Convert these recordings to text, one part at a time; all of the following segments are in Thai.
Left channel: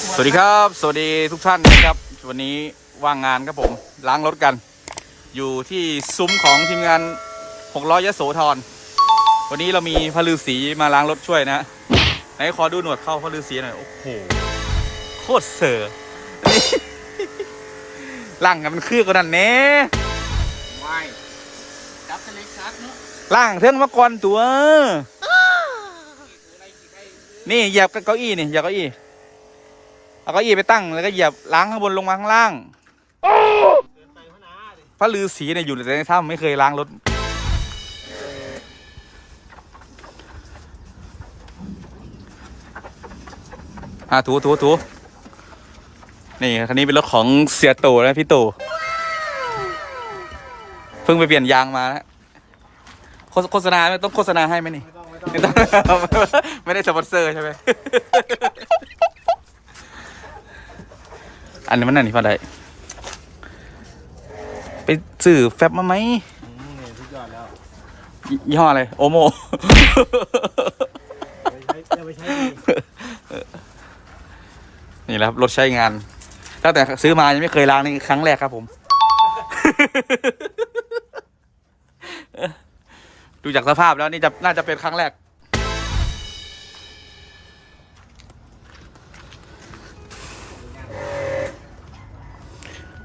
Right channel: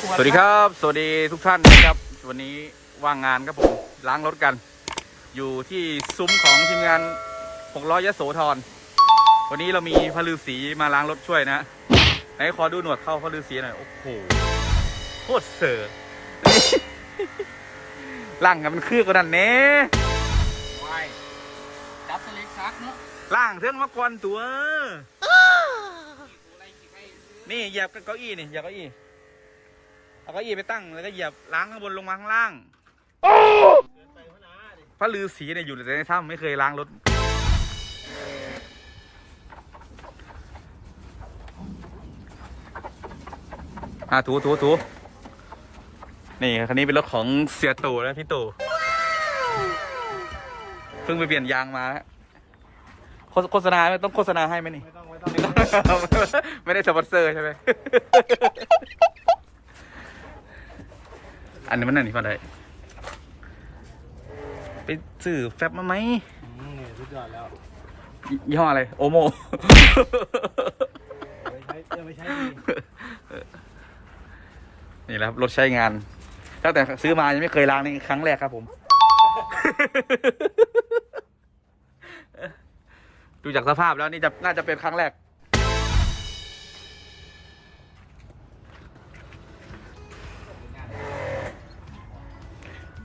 ขวดสวัสดีครับ สวัสดีทุกท่านนะครับ วันนี้ว่างงานครับผม ล้างรถกัน อยู่ที่ซุ้มของทีมงานหกล้อยโสธร วันนี้เรามีพระฤาษีมาล้างรถช่วยนะไหนขอดูหนวดเข้าพระฤาษีหน่อย โอ้โห โคตรเสือนี่ล่างกันมันคือกันนั่นแน่วายจับทะเลซักเนาะล่างเท่งมาก่อนตัวอะไรกี่ใบนี่เหยียบเก้าอี้นี่เหยียบเก้าอี้ เอาเก้าอี้ไปตั้งแล้วก็เหยียบล้างข้างบนลงมาข้างล่างพระฤาษีเนี่ยอยู่แต่ในถ้ำไม่เคยล้างรถอะถูถูถูนี่คันนี้เป็นรถของเสียตู่นะพี่ตู่เพิ่งไปเปลี่ยนยางมานะโฆษโฆษณาไหมต้องโฆษณาให้ไหมนี่ ไม่ต้องไม่ได้สปอนเซอร์ใช่ไหม อันนี้มันนั่นนี่พอได้ ไปซื้อแฟบมาไหมอืมนี่สุดยอดแล้วยี่ยี่ห้ออะไร โอโมไปใช้จะไปใช้ดีนี่แหละครับรถใช้งาน ตั้งแต่ซื้อมายังไม่เคยล้างนี่ครั้งแรกครับผม ดูจากสภาพแล้วนี่จะน่าจะเป็นครั้งแรก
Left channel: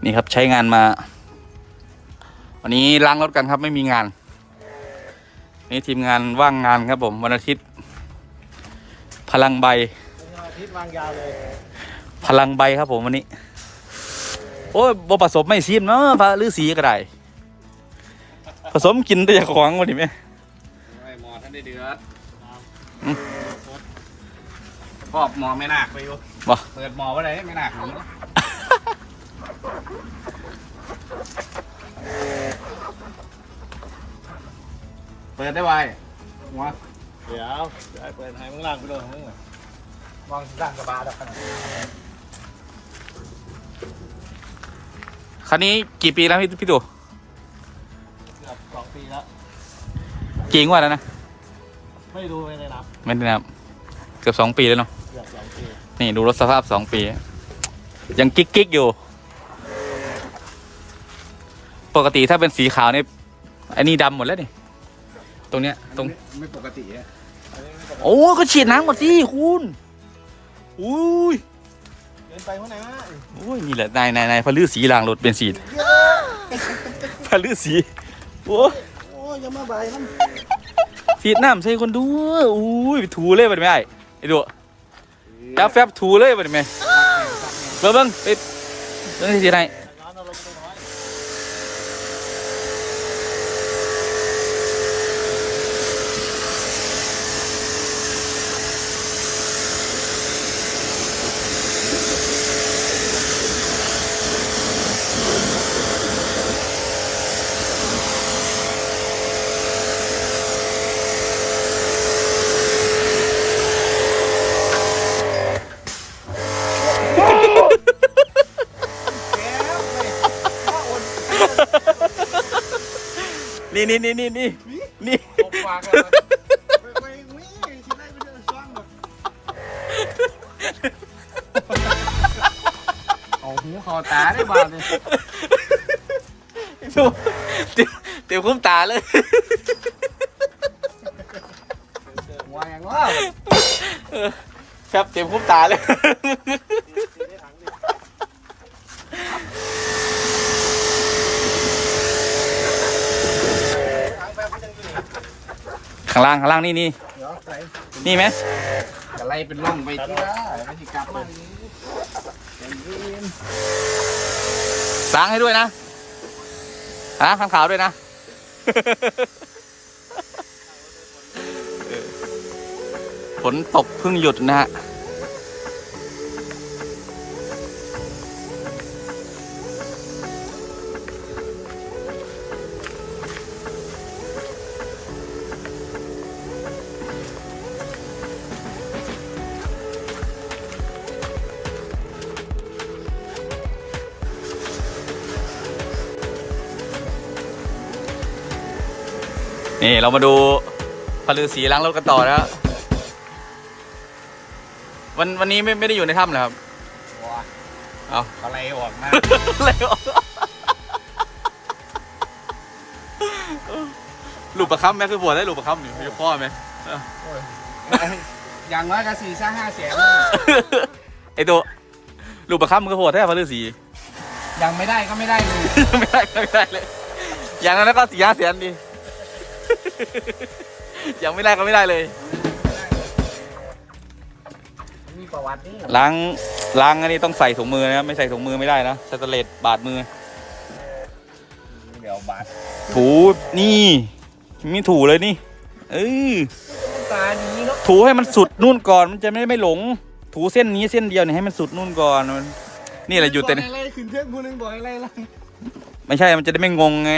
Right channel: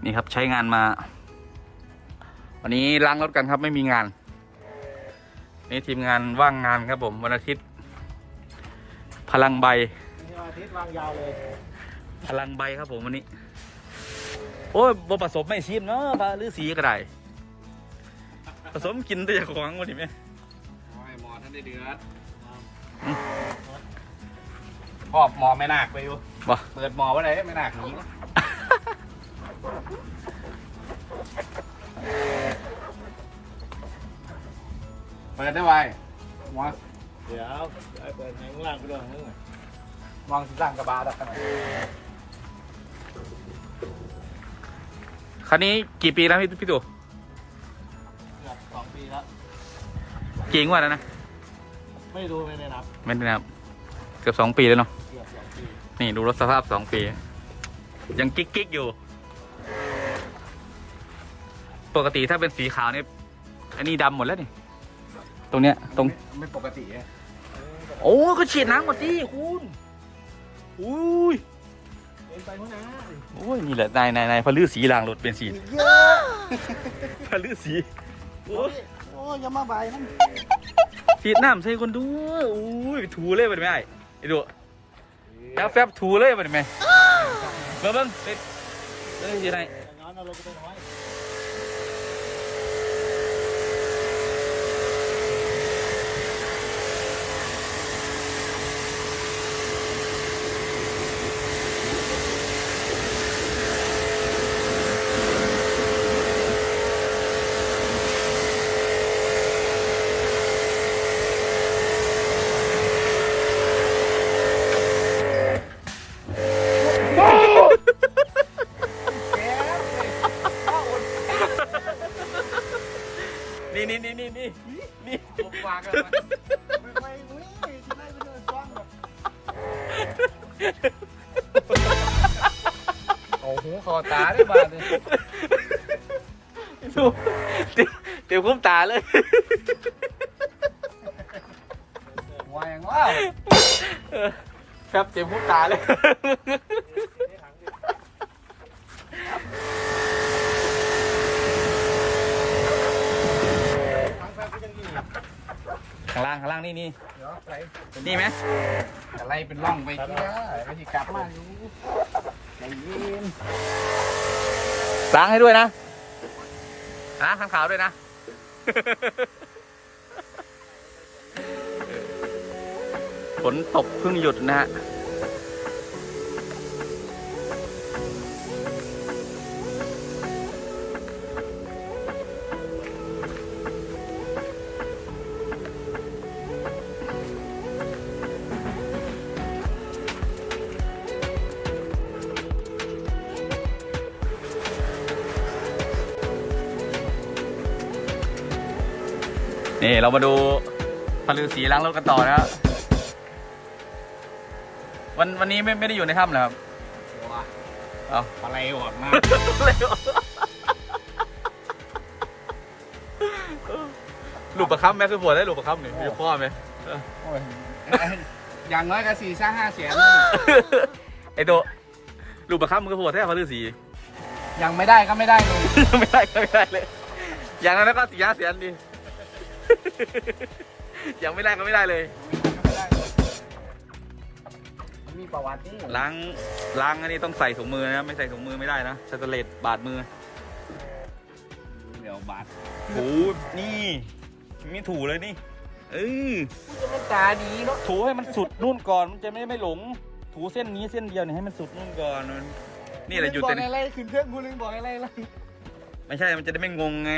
นี่ครับใช้งานมา วันนี้ล้างรถกันครับไม่มีงาน นี่ทีมงานว่างงานครับผมวันอาทิตย์ พลังใบเอาพริกวางยาวเลยพลังใบครับผมวันนี้ โอ้ยบ่ผสมไม่ซีมเนาะพระฤาษีก็ได้ผสมกินแต่อยาของวันนี้ไหมโอ้ยหมอท่านได้เดือดอืมครอบหมอไม่นาคไปอยู่บ่เปิดหมอไว้เลยไม่นาคหนีนะ เปิดได้ไวหมอเดี๋ยวเปิดทางข้างล่างไปด้วยของมึงอะมองสร้างกระบาดแล้วกันคันนี้กี่ปีแล้วพี่พี่ตู่เกือบสองปีแล้วกี่งวดแล้วนะ ไม่ดูไม่ได้นับไม่ได้นับ เกือบสองปีแล้วเนาะเกือบสองปีนี่ดูรถสภาพสองปี ยังกิ๊กกิ๊กอยู่ ปกติถ้าเป็นสีขาวนี่อันนี้ดำหมดแล้วนี่ตรงเนี้ยตรง ไม่ปกติอะโอ้ก็ฉีดน้ำหมดสิคุณอุ้ยเดินไปหัวหน้าโอ้ยนี่แหละนายนายนายพระฤาษีล้างรถเป็นสีพระฤาษีโอ้ยโอ้ยอย่ามาใบนั่นสีดน้ำใส่คนดูอุ้ยไปถูเลยไปได้ไหมไอ้ไอ้ดูจับแฟบถูเลยไปได้ไหมเบิ่งเบิ่งไปเบิ่งที่สีไหน ร้านอารมณ์ดีน้อย นี่นี่นี่นี่นี่นี่ผมวางกันเลยไม่อุ้ยชิ้นแรกไม่เจอช่องแบบเอาหูคอตาได้บ้างดิดูเต็มเต็มคุ้มตาเลยวางอย่างว่าครับเต็มคุ้มตาเลย ข้างล่างข้างล่างนี่นี่เดี๋ยวใส่นี่ไหมอะไรเป็นร่องไปที่ได้ไม่ใช่กลับมาล้างให้ด้วยนะล้างข้างขาวด้วยนะ ฝนตกเพิ่งหยุดนะฮะ นี่เรามาดูพลือสีล้างรถกันต่อนะครับวันวันนี้ไม่ไม่ได้อยู่ในถ้ำเหรอครับเอาอะไรออกนะอะไรวะลูกประคับแม่คือปวดได้ลูกประคับนี่มีข้อไหมอย่างน้อยก็สี่สร้างห้าแสนไอตัวลูกประคับมันก็ปวดแท้พระฤาษียังไม่ได้ก็ไม่ได้เลยยังไม่ได้ก็ไม่ได้เลย อย่างนั้นก็สี่ห้าแสนดี ยังไม่ได้ก็ไม่ได้เลยมันมีประวัตินี่ล้างล้างอันนี้ต้องใส่ถุงมือนะครับไม่ใส่ถุงมือไม่ได้นะสแตนเลสบาดมือ เดี๋ยวบาทถูนี่มีถูเลยนี่ เออมันตาดีเนาะถูให้มันสุดนู่นก่อนมันจะไม่ไม่หลง ถูเส้นนี้เส้นเดียวเนี่ยให้มันสุดนู่นก่อนมันนี่แหละอยู่แต่บในอกอะไรขึ้นเพื่อนผู้หนึงบอกอะไรล่ะ ไม่ใช่ มันจะได้ไม่งงไง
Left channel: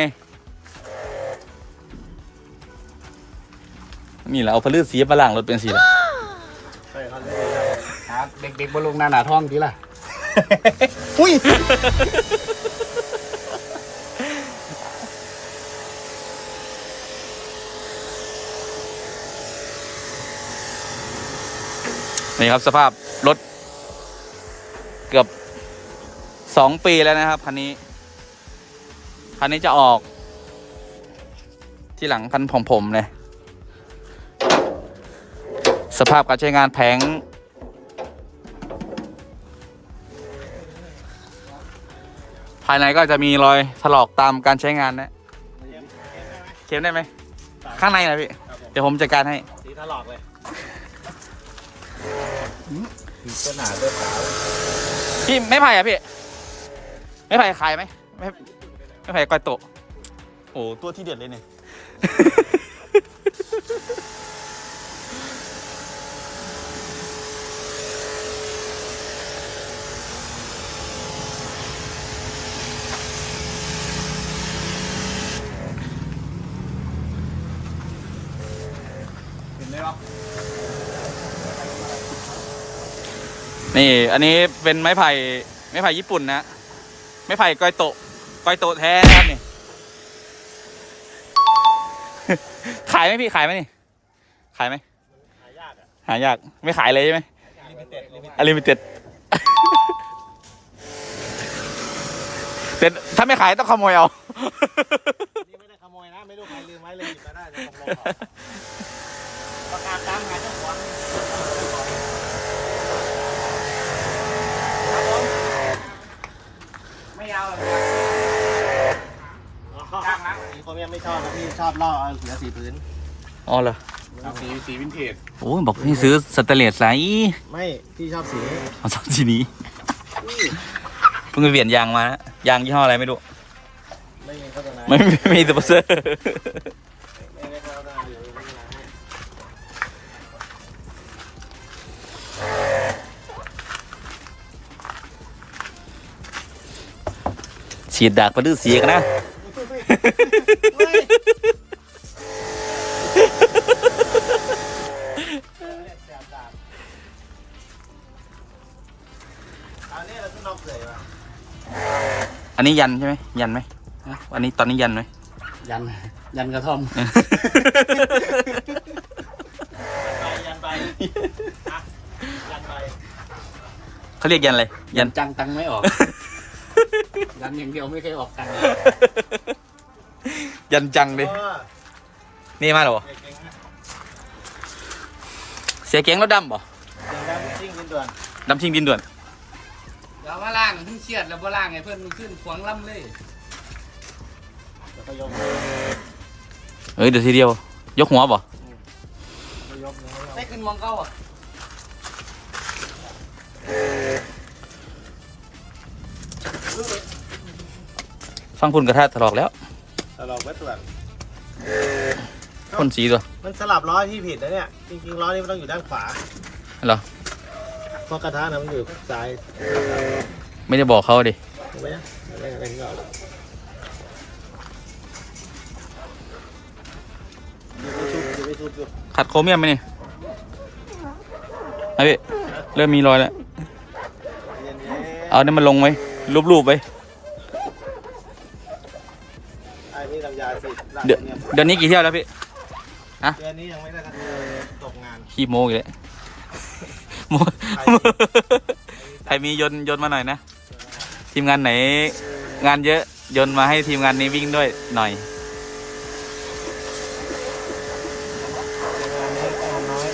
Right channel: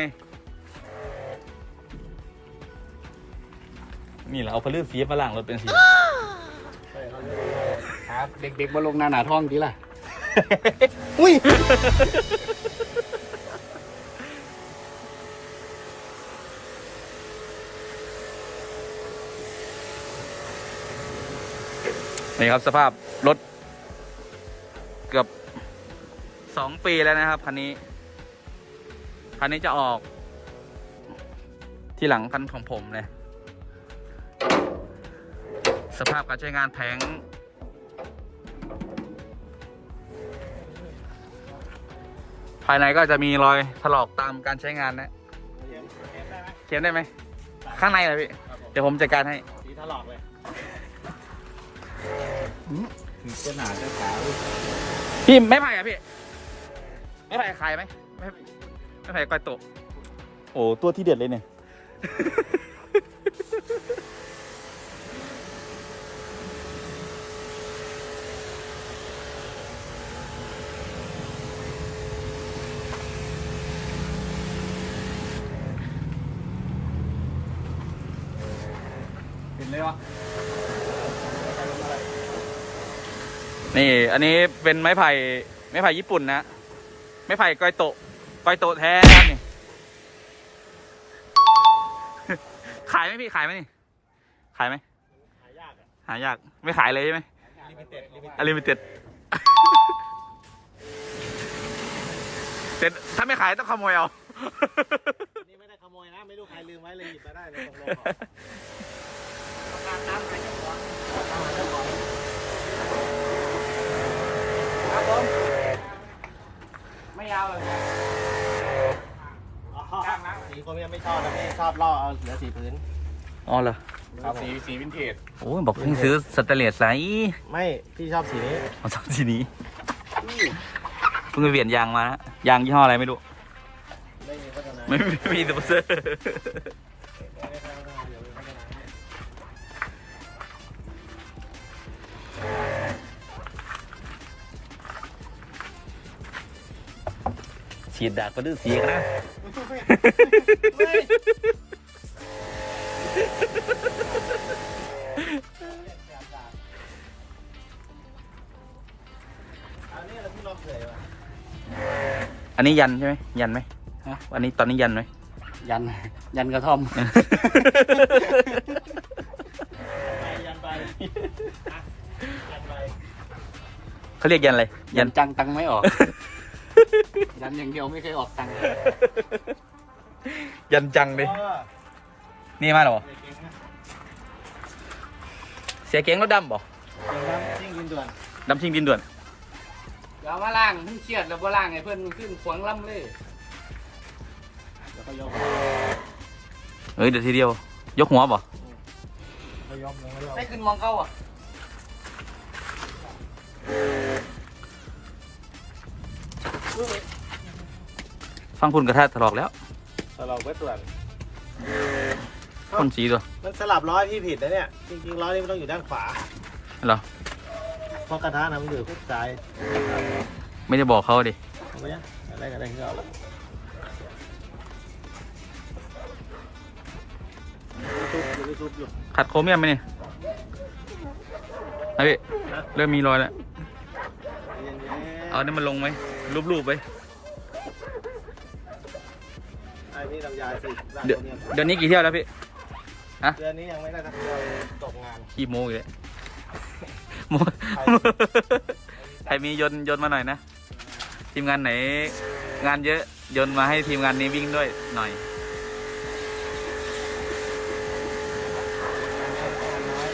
นี่แหละเอาพลือสีมาล่างรถเป็นสี ครับเด็กๆบนลงหน้าหนาท้องดีล่ะ อุ้ยนี่ครับสภาพรถ เกือบสองปีแล้วนะครับคันนี้คันนี้จะออก ที่หลังคันของผมเลย สภาพการใช้งานแผง ภายในก็จะมีรอยถลอกตามการใช้งานนะเขียนได้ไหม ข้างในนะพี่ เดี๋ยวผมจัดการให้สีถลอกเลยต้นหนาต้นสาวพี่ไม่ไผ่อะพี่ ไม่ไผ่ขายไหมไม่ไม่ไผ่ก้อยโตะโอ้ตัวที่เด็ดเลยเนี่ย นี่ อันนี้เป็นไม้ไผ่ไม้ไผ่ญี่ปุ่นนะไม้ไผ่ก้อยโตก้อยโตแท้นะครับนี่ ขายไหมพี่ขายไหมนี่ ขายไหมหายากไม่ขายเลยใช่ไหมอลิมิเต็ดแต่ถ้าไม่ขายต้องขโมยเอานี่ไม่ได้ขโมยนะ ไม่รู้ใครลืมไว้เลยหยิบมาได้เลยขโลก ประกาศตามหาเจ้าของครับผม ไม่เอาหรอกครับจ้างแล้วสีผมยังไม่ชอบนะพี่ชอบล่อเอาเสือสีพื้นอ๋อเหรอเอาสีสีวินเทจโอ้ยบอกให้ซื้อสเตนเลสไซไม่พี่ชอบสีนี้เอาสองทีนี้เพิ่งไปเปลี่ยนยางมานะยางยี่ห้ออะไรไม่รู้ไม่มีโฆษณาไม่ไม่ไม่มีสปอนเซอร์ ฉีดดากมาดื้อเสียกันนะอันนี้เราที่น้องเผยมาอันนี้ยันใช่ไหมยันไหมอันนี้ตอนนี้ยันไหม ยัน ยันกระท่อมไปยันไปอะยันไปเขาเรียกยันอะไรยันจังตังไม่ออก ยันอย่างเดียวไม่เคยออกตังค์ยันจังดิเออนี่มาเหรอเก่งนะเสียเก๋งรถดำบ่เก่งนะจริงกินด่วนดำชิงดินด่วนเดี๋ยวมาล่างมึงเชียดเดี๋ยวมาล่างไอ้เพื่อนมึงขึ้นขวางลำเลยแล้วก็ยกเฮ้ยเดี๋ยวทีเดียว ยกหัวบ่ก็ยกเลยได้ขึ้นมองเก้าอะ ฟังคุณกระทะถลอกแล้วแต่เราไม่ตรวจพ่นสีตัวมันสลับล้อที่ผิดนะเนี่ย จริงๆล้อนี่มันต้องอยู่ด้านขวาเหรอเพราะกระทะนะมันอยู่ซ้ายไม่ได้บอกเขาดิถูกไหมอะไรอะไรที่เราไม่ชุบอยู่ไม่ชุบอยู่ขัดโครเมียมไหมนี่ไอพี่เริ่มมีรอยแล้วเย็นเอาเนี่ยมันลงไว้รูปๆไว้ อ้นี่ทำยาสิหลังเดี๋ยวเนี่ยเดี๋ยวนี้กี่เที่ยวแล้วพี่เดือนนี้ยังไม่ได้ทักเดือนตกงานขี้โมอีกแล้วโมใครใครมียนต์ยนต์มาหน่อยนะเทีมงานไหนงานเยอะโยนมาให้ทีมงานนี้วิ่งด้วยหน่อยงานน้อย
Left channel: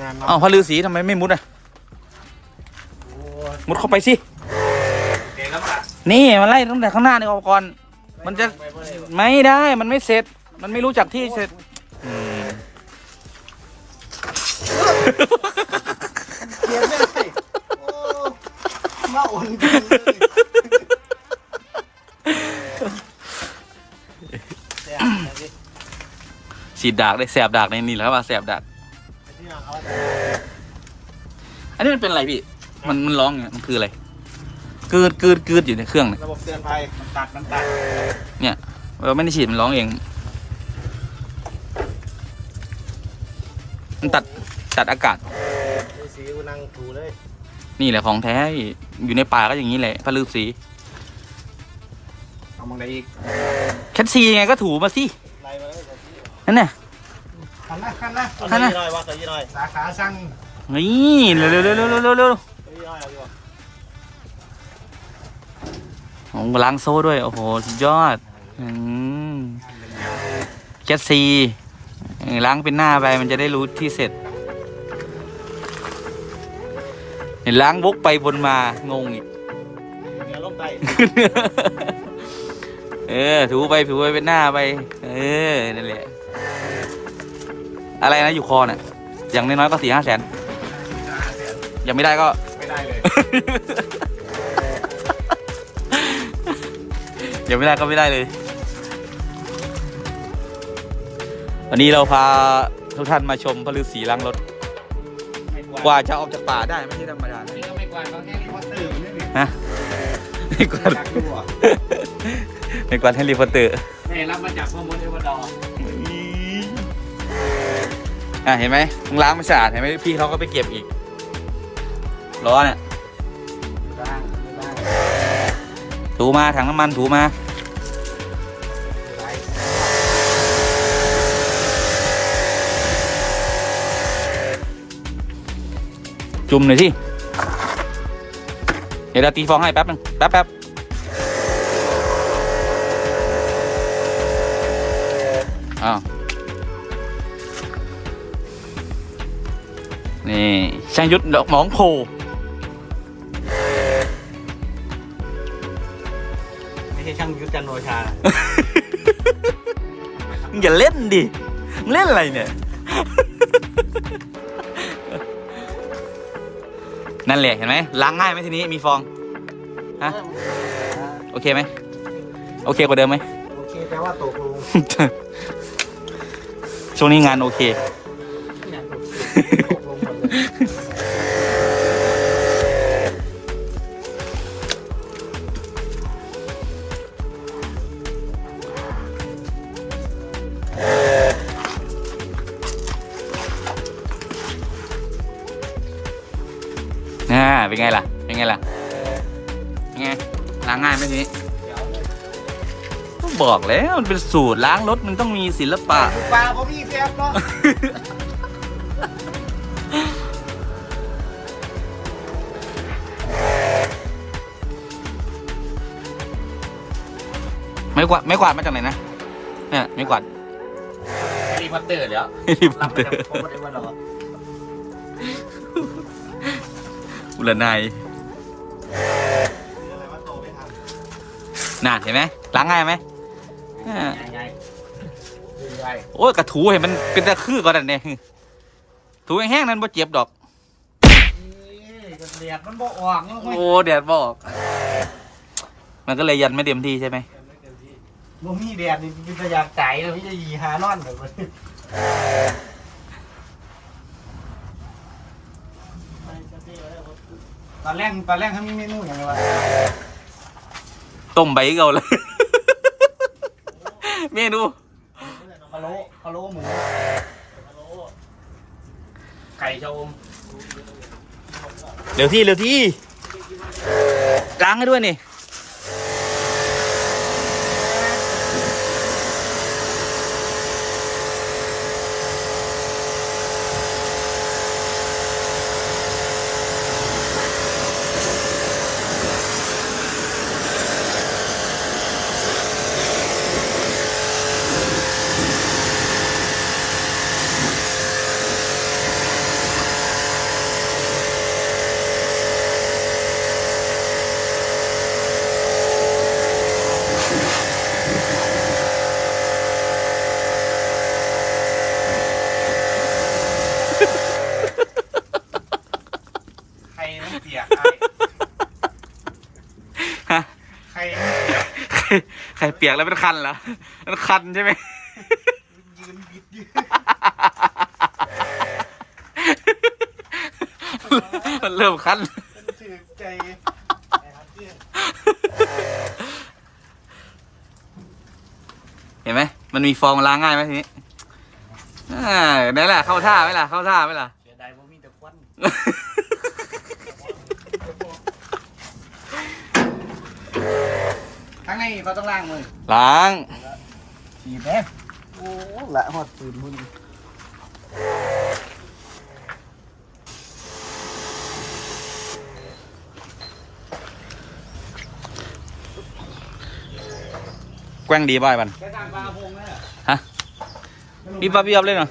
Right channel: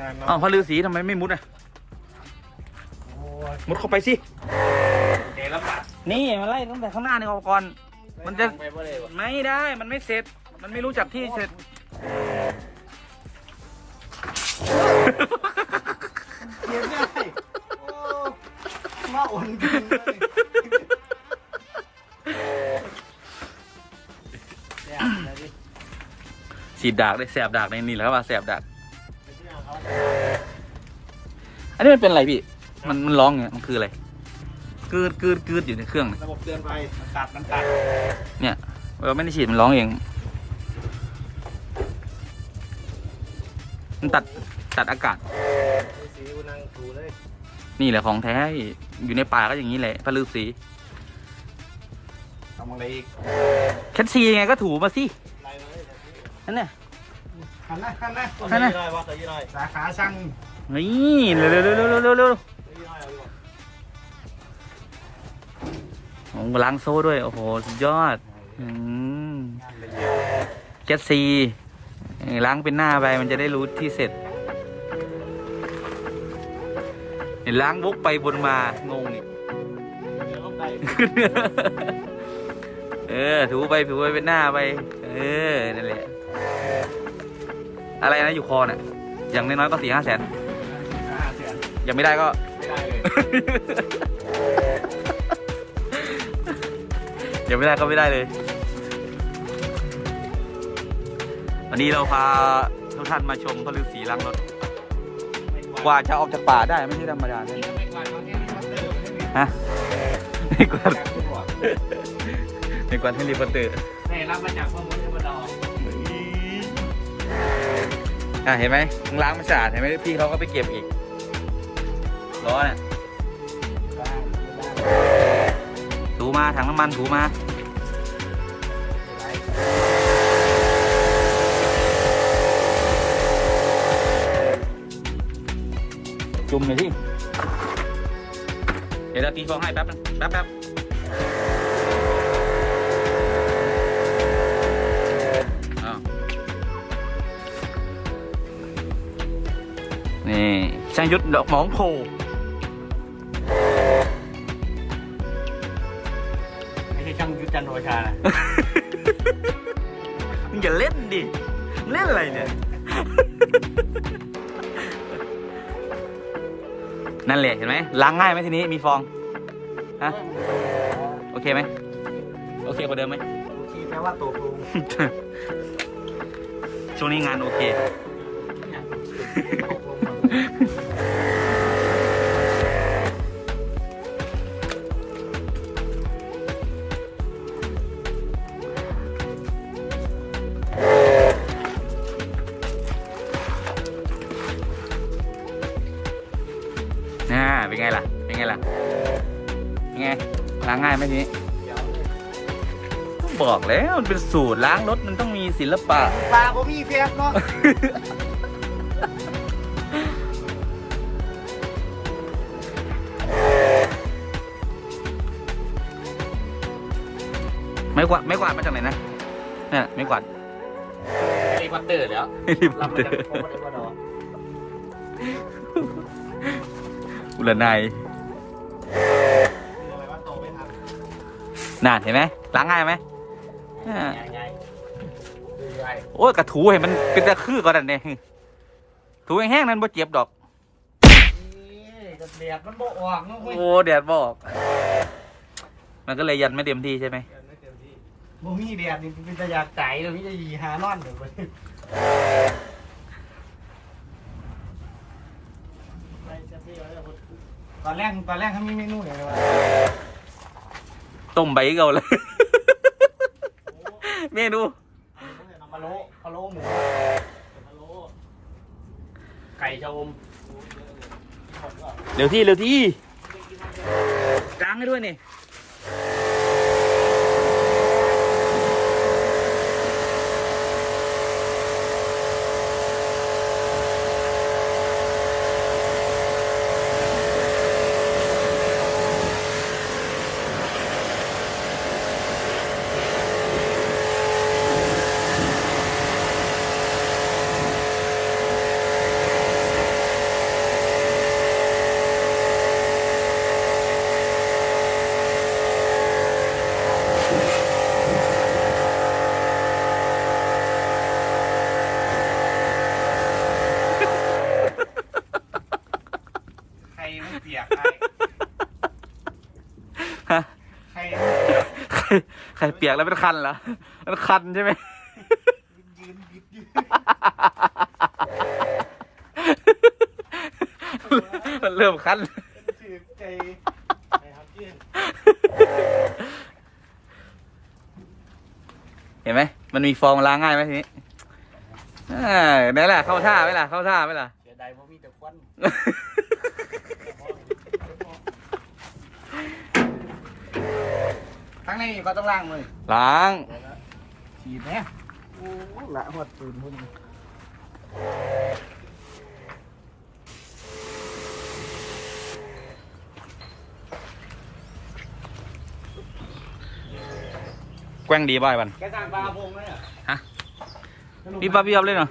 งานน้อยอ้าวพระฤาษีทำไมไม่มุดอะโอ้ย มุดเข้าไปสิเก๋แล้วป่ะนี่มันไล่ตั้งแต่ข้างหน้านี่ออกก่อน มันจะไม่ไม่ไม่ไม่ได้มันไม่เสร็จ มันไม่รู้จักที่เสร็จ เกียร์ไม่ได้โอ้มาอ่อนจริงเลยแซ่บเลยดิฉีดดากได้แสบดากในนี่แหละครับว่าแสบดากไปที่ร้านเขาอันนี้มันเป็นอะไรพี่ มันมันร้องอย่างเงี้ยมันคืออะไรกืดกืดกืดอยู่ในเครื่องเนี่ยระบบเตือนภัยมันตัดมันตัดเนี่ยเราไม่ได้ฉีดมันร้องเอง มันตัดตัดอากาศดูสีนั่งถูเลยนี่แหละของแท้พี่อยู่ในป่าก็อย่างนี้แหละพระฤาษีทำอะไรอีกแคทซียังไงก็ถูมาสิไล่มาเลยกับพี่นั่นน่ะทำนะทำนะทำนะยี่ร้อยว่าตัวยี่ร้อยสาขาช่างนี่เร็วเร็วเร็วเร็วเร็ว เร็วเร็วตัวยี่ร้อยเอาดีกว่าโอ้โหล้างโซ่ด้วย โอ้โห สุดยอด อืมแคทซีเออล้างเป็นหน้าไป มันจะได้รู้ที่เสร็จเห็นล้างวกไปบนมา งงอีกเดี๋ยวลงไปเออ ถูไปถูไปเป็นหน้าไป เออ นั่นแหละ อะไรนะอยู่คอน่ะอย่างน้อยๆก็สี่ห้าแสนห้าแสนยังไม่ได้ก็ ไม่ได้เลยยังไม่ได้ก็ไม่ได้เลย วันนี้เราพาทุกท่านมาชมพระฤาษีล้างรถ กว่าจะออกจากป่าได้ไม่ใช่ธรรมดานะนี่ก็ไม่กวาดเขาแค่นี้ครับฮะไม่กวาดอยากดูอะไม่กวาดให้รีพอร์เตอร์นี่รับมาจากข้อมูลที่มาดออะเห็นไหมล้างไม่สะอาดเห็นไหมพี่เขาก็ไปเก็บอีกล้อเนี่ย ถูมาถังน้ำมันถูมาจุ่มหน่อยสิ เดี๋ยวเราตีฟองให้แป๊บนึงแป๊บแป๊บอ้าวนี่ช่างยุทธดอกหมองโพ ใช่ช่างยุทธจันทร์โอชานะมึงอย่าเล่นดิมึงเล่นอะไรเนี่ย นั่นแหละเห็นไหมล้างง่ายไหมทีนี้มีฟอง ฮะ โอเคไหม โอเคกว่าเดิมไหม โอเคแปลว่าตกลง ช่วงนี้งานโอเค น่าเป็นไงล่ะ เป็นไงล่ะเป็นไงล้างง่ายไหมทีนี้ก็บอกแล้วมันเป็นสูตรล้างรถมันต้องมีศิลปะ ปลาบ่มีเพียบเนาะไม่กวาดไม่กวาดมาจากไหนนะเนี่ยไม่กวาด แฮร์รี่พอตเตอร์แล้วรีบรับเตมาอจากโคตรเอวาดอร์อุลนายอะ ไรวะโตไม่ทันน่าเห็นไหมล้างง่ายไหมอ่าไงดูไว้โอ้ยกระถูเห็นมันเป็นตะคือก่อนนั่นเนี่ยถูแห้งๆนั้นบ่เจ็บดอกนี่ก็เดียดมันบ่ออกเนาะเว้ยโอ้แดดบอกมันก็เลยยันไม่เต็มที่ใช่ไหมบ่มีแดดนี่เป็นตะอยากใจเลยพี่จะยีหานอนแบบนี้ ตอนแรกตอนแรกเขามีเมนูอย่างไรวะต้มใบเก่าเลย เมนูพะโล้พะโล้หมูพะโล้ไก่ชะอมเร็วที่เร็วที่ล้างให้ด้วยนี่ ไข่เปียกแล้วเป็นคันเหรอมันคันใช่ไหมยืนบิดยืนมันเริ่มคันเป็นถือใจไอ้ฮันเห็นไหม มันมีฟองล้างง่ายไหมทีนี้นี่นแหละเข้าท่าไหมล่ะ เข้าท่าไหมล่ะเสียดายเพราะมีแต่ควัน ข้างในเขาต้องล้างมือล้างฉีดไหมโอ้ละหอดปืนพุ่นแกว้งดีบ่อยบันแกสร้างบางพงนะฮะพี่ป๊บพี่ป๊บเล่นเหรอ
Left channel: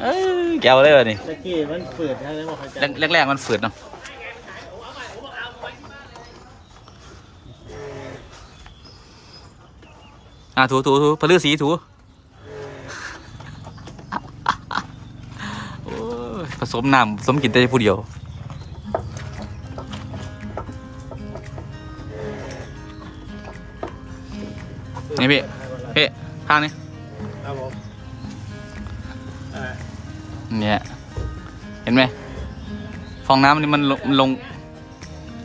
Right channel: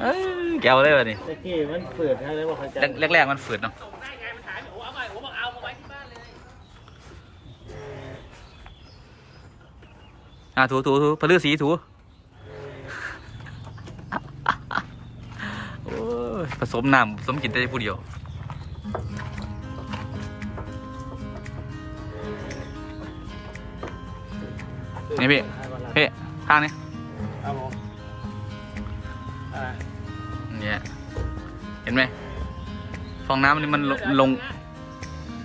เอ้ยแกวเลยว่ะนี่ตะกี้มันเปิดให้เลยว่าเขาจะแรกแรกๆมันฝืดเนาะ อะถูถูถูพลือสีถูโอ้ยผสมน้ำผสมกินแต่ผู้เดียวนี่พี่เฮ้ข้างนี้ครับผมอ่าเนี่ยเห็นไหมฟองน้ำนี่มันลงมันลง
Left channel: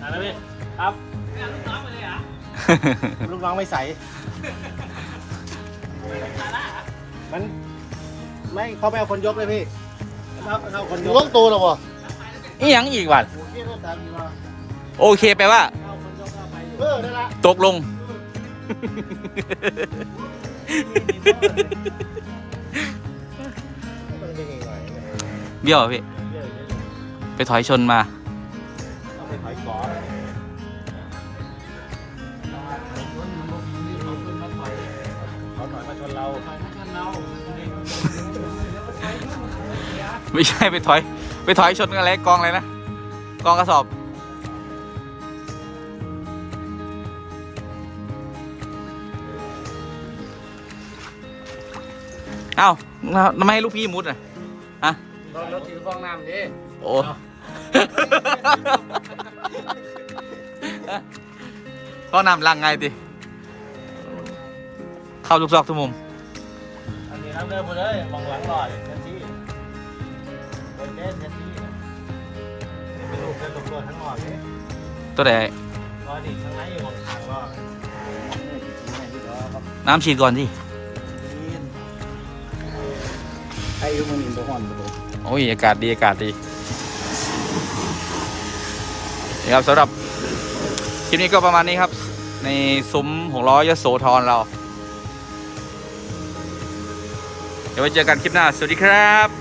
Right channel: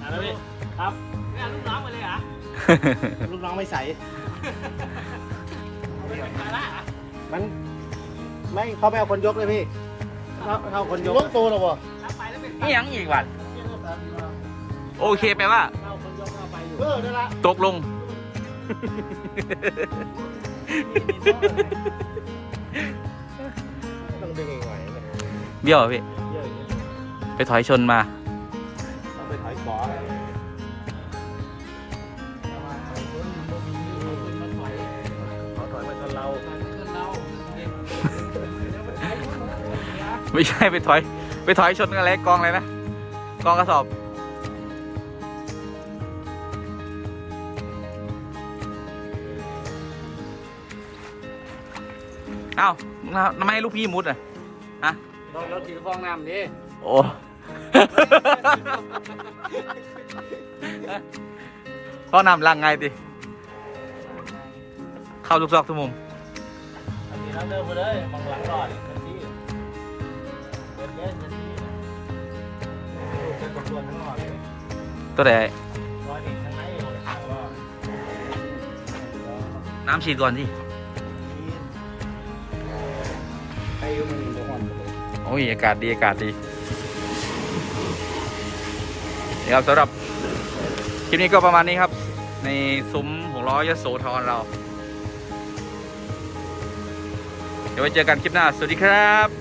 อ่าแล้วพี่ครับไม่เอาลูกน้องไปเลยเหรอลูกน้องไม่ใส่ มันไม่เขาไปเอาคนยกเลยพี่เขาเขาเอาคนยกล้วงตัวหรอวะนี่ยังอีกวันโอเคแปลว่า เออนั่นละตกลงมันเป็นยังไงเบี้ยวเหรอพี่ ไปถอยชนมา ต้องไปถอยขวาอะไร นเราไม่ใช่ไปถอย ไปถอยชนกันอะไรกองอะไรนะ กองกระสอบ เอ้าทำไมให้ลูกพี่มุดอะรถถือฟองน้ำดิโอ้ก็นำลังไงดิ เข้าทุกซอกทุกมุมอันนี้น้ำเดินไปเลยมองหลังหน่อยเต็มที่เต็มเต็มเต็มที่ลูกเดินกับตัวทั้งหมดเลยตัวไหนร้อยดิทั้งไหนมองทางว่าน้ำฉีดก่อนสิใครอยู่มือหนึ่งตัวหอนโอ้ยอากาศดีอากาศดีนี่ครับสำหรับคลิปนี้ก็ประมาณนี้ครับ ในซุ้มหกล้อยโสธรเรา เดี๋ยวไว้เจอกันคลิปหน้า สวัสดีครับ